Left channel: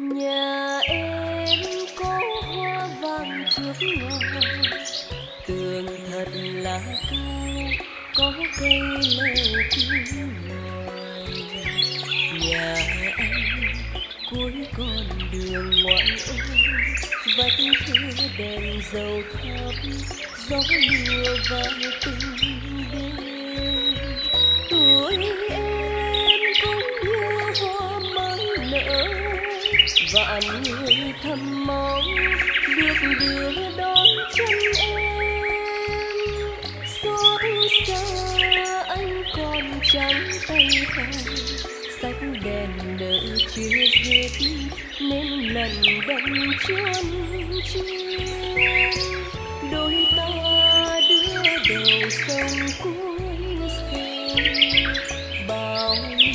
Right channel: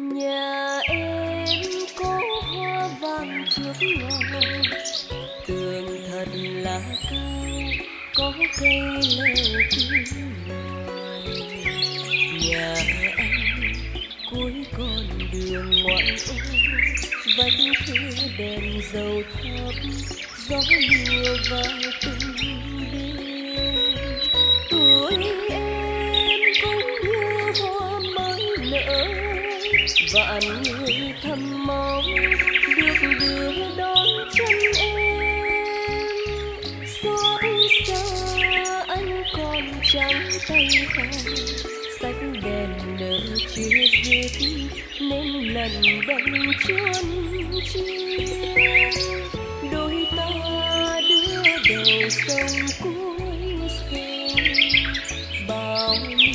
Nhà em có hoa vàng trước ngõ, tường thật là cao, có cây leo kín ngoài. Nhà anh cuối con đường ngoại ô, vách thưa đèn dầu thắp, gió lùa vào từng đêm. Tuổi em cũng như hoa mới nở, vạn người thầm mong được đưa đón chân em. Xót xa anh còn trắng tay không, sách đèn nợ chưa dứt nên lần đâm chuôn chiên. Đôi ta đưa đầu sông cuối sông, bao nhiêu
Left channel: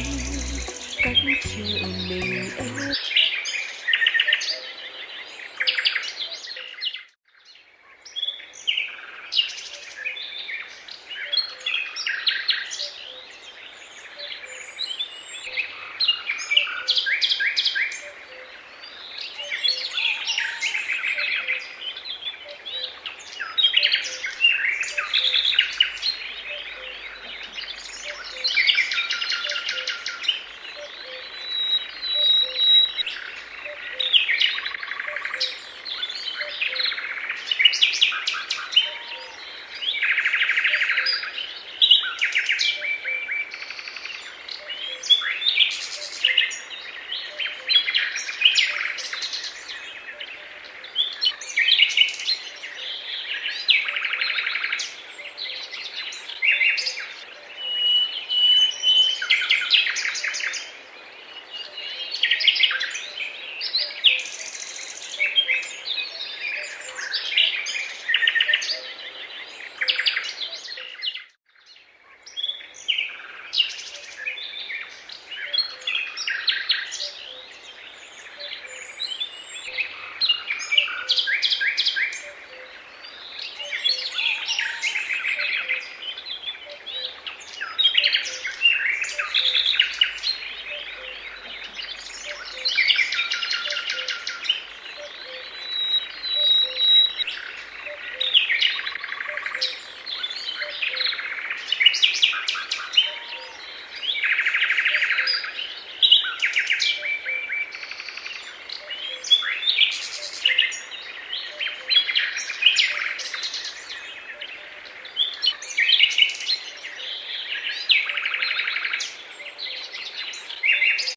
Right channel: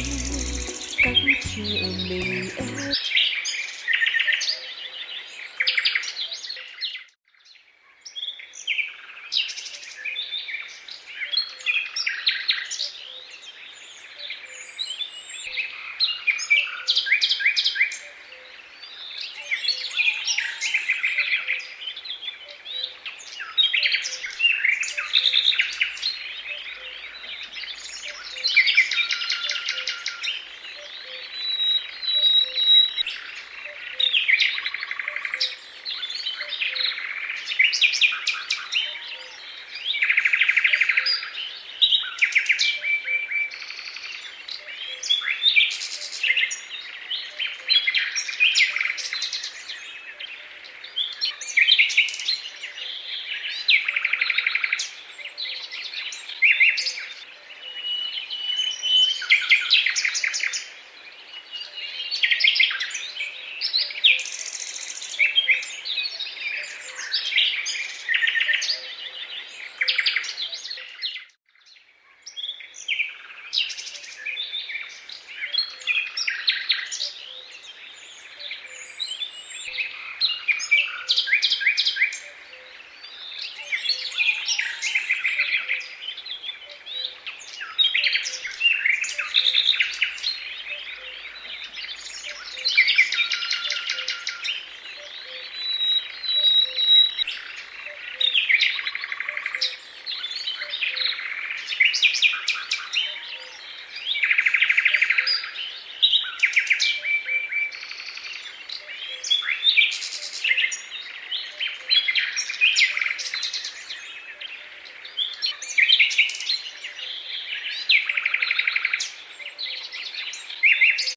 cách chờ mình em